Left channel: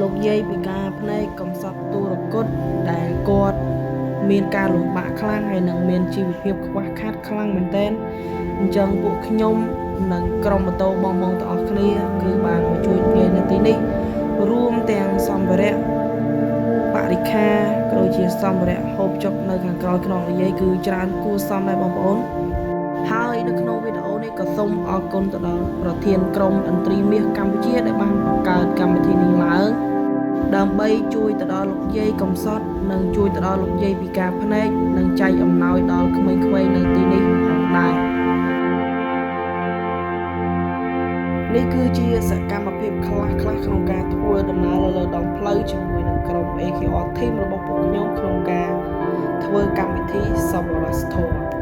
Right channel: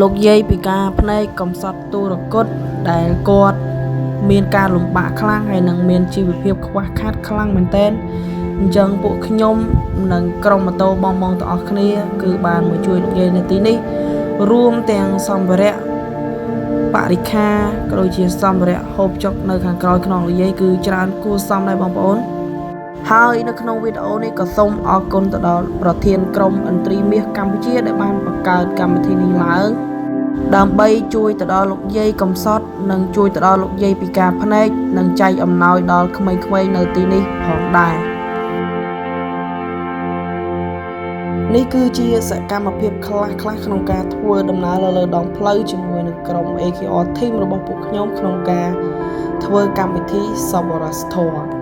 លោកយាយពីការភ្នែកកំសត់ទូរគតដែលគាត់មានការលំបាកខ្លាំងហើយនឹងមានជីវភាពខ្វះខាតខ្លាំងមែនទែនអញ្ចឹងពួកខ្ញុំនិងក្រុមម៉ូតូបងៗទាំងអស់គ្នាគឺបានមកជួយយាយនៅទីនេះរួមទាំងសម្ភារៈបរិក្ខារក៏ដូចជាសម្ភារៈហូបចុកនៅខាងក្រោយខ្នងលោកយាយគឺច្រើនគួរសមដែរបងប្អូនហើយនៅក្នុងវីដេអូនេះក៏សូមអរគុណទៅដល់ប្រធានក្រុមឥន្ទ្រីមាសកម្ពុជាដែលបានបង្កើតកម្មវិធីនេះឡើងដើម្បីជួយទៅដល់លោកយាយកំសត់និងជួយទៅដល់លោកយាយពិការភ្នែកនិងចែកអំណោយដល់ក្មេងៗនៅទីនេះផងដែរនេះគឺជាសកម្មភាពខ្លះក្នុងការធ្វើដំណើរលើដងផ្លូវជាមួយនឹងក្រុម AKR Team របស់ពួកខ្ញុំក្នុងការធ្វើកម្មវិធីសប្បុរសធម៌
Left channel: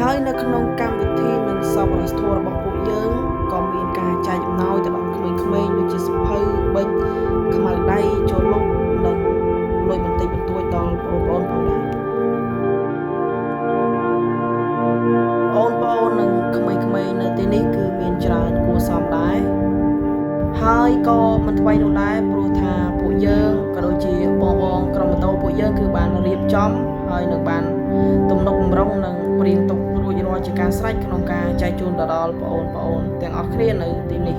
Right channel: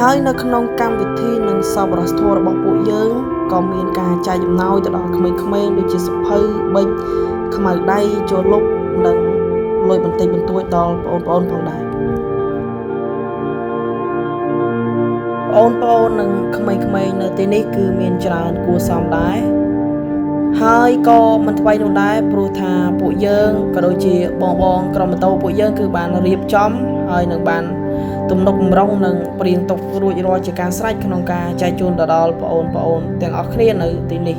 ហើយនៅក្នុងកម្មវិធីនិងសប្បុរសធម៌របស់ពួកយើងក៏មានការចែកអំណោយទៅដល់ក្មេងៗដូចជាសភៅប៊ិចខ្មៅដៃជលុកនិងលុយបន្តិចបន្តួចដល់បងប្អូនផងដែរបងប្អូននិងក្មេងៗនៅទីនេះគឺមានច្រើនគួរសមដែរហើយក៏មិនថ្មីនោះដែរព្រោះថាពួកយើងក៏ដូចជាបងក្រុមម៉ូតូពួកយើងគឺបានរៀបចំហើយនឹងបានទំនុកបំរុងនិងព្រៀងទុករួចរាល់ជាការស្រេចក្នុងការចែកជូនទៅដល់បងប្អូនទាំងអស់គ្នានៅទីនេះ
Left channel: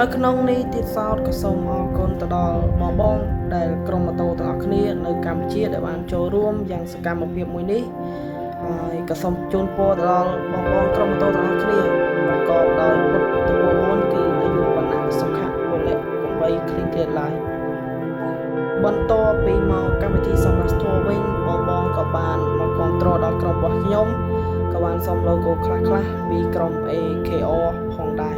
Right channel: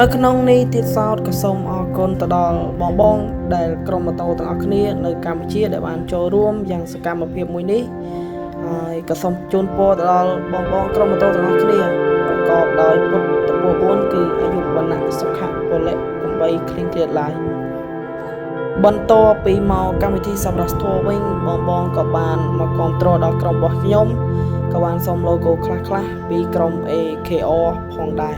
នៅក្នុងនេះទៀតសោតក៏សូមអរគុណទៅដល់បងដែលក្រុមម៉ូតូទាំងអស់គ្នានៅកម្ពុជាដែលបានចូលរួមយ៉ាងសកម្មភាពមួយនេះហើយក៏សូមជូនពរទៅដល់បងក្រុមម៉ូតូទាំងអស់គ្នាប្រកបដោយពុទ្ធពរ4គឺអាយុវណ្ណៈសុខៈពលៈកំបីគ្លៀងគ្លាតឡើយបន្ទាប់ពីមកកម្មវិធីសម្រាប់ធម៌វិញបងក៏បានមកគាំទ្រដល់ក្រុមរបស់ខ្ញុំក៏បានសុំ logo ខ្លះពីក្រុម AKR ផងដែរ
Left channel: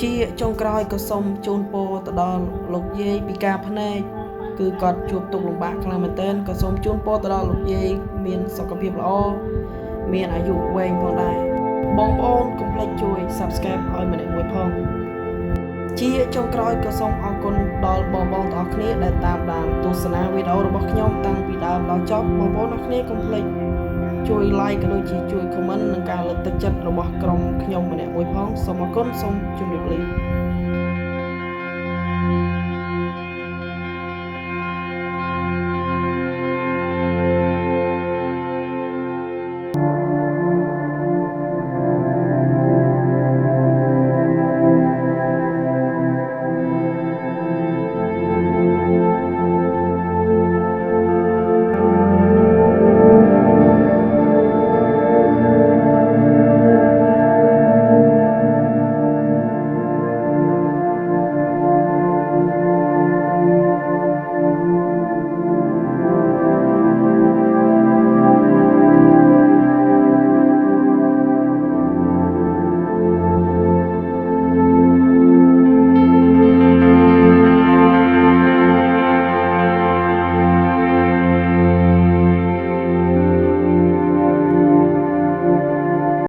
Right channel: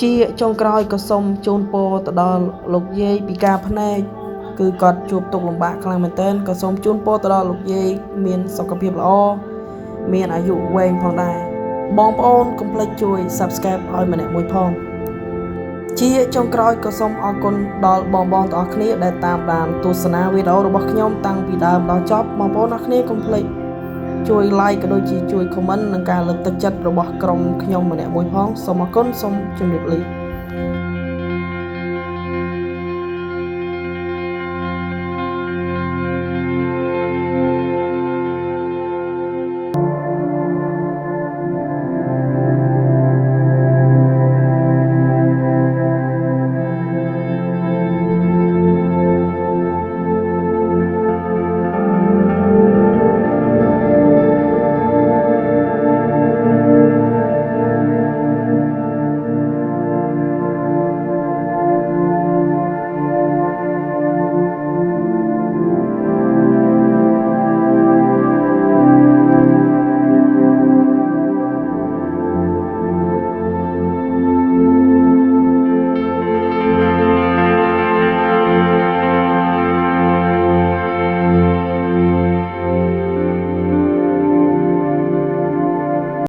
ជាចុងក្រោយក៏សូមជូនពរទៅដល់លោកយាយពិការភ្នែកគឺគាត់ជួបទុក្ខលំបាកខ្លាំងមែនទែនក៏សូមជូនពរទៅដល់លោកយាយមានសុខភាពល្អមានអាយុវែងផងដែរបងប្អូនកុំភ្លេចជួយ Subscribe ឲ្យម្នាក់មួយផងជាចុងក្រោយក៏សូមអរគុណដល់បងទាំងអស់គ្នាដែលតាមដានទស្សនាវីដេអូរបស់ខ្ញុំតាំងពីដើមដល់ចប់បងប្អូនអរគ្នាកុំភ្លេចជួយ like ក៏ដូចជាជួយ comment និងការលើកទឹកចិត្តរបស់ក្រុមខ្ញុំម្នាក់មួយផងសូមអរគុណសូមជម្រាបលា